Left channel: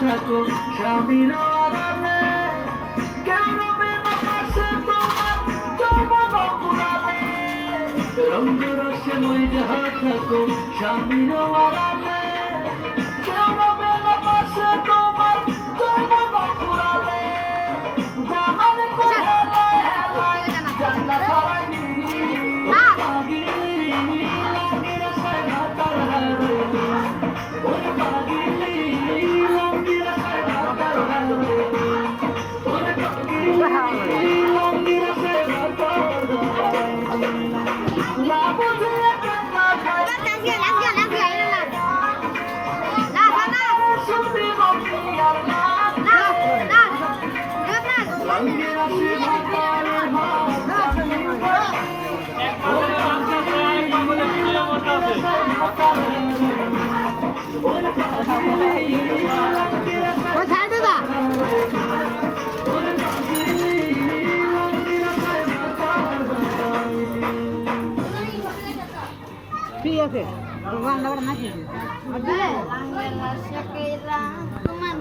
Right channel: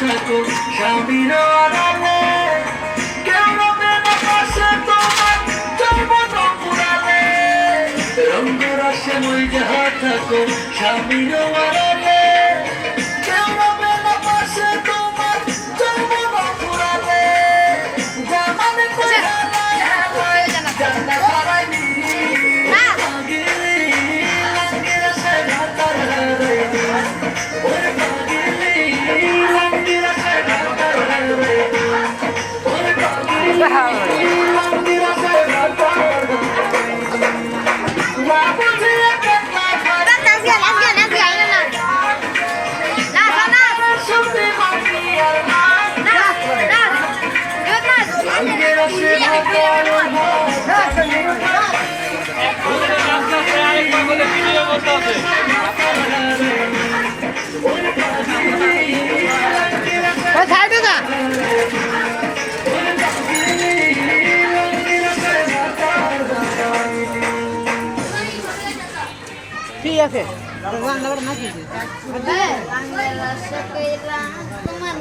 থাকো স্বামীর আড়ালে, কেউ রবে না পাশে তোমার যৌবন ফুরালে, রঙ্গ রসে মজে থাকো স্বামীর আড়ালে, কেউ রবে না পাশে তোমার যৌবন ফুরালে, জামানে করে জান্নাত হারাইনি পাগলি রঙের সাজা তার হারাইনি, ওরে পাগলি রঙের সাজা তার হারাইনি, ওরে পাগলি রঙের সাজা তার হারাইনি, না বুঝে কেমন শুনতে বাকি আর না রঙের সাজা তার ঠিক আছে রান্না বান্না কি তোমার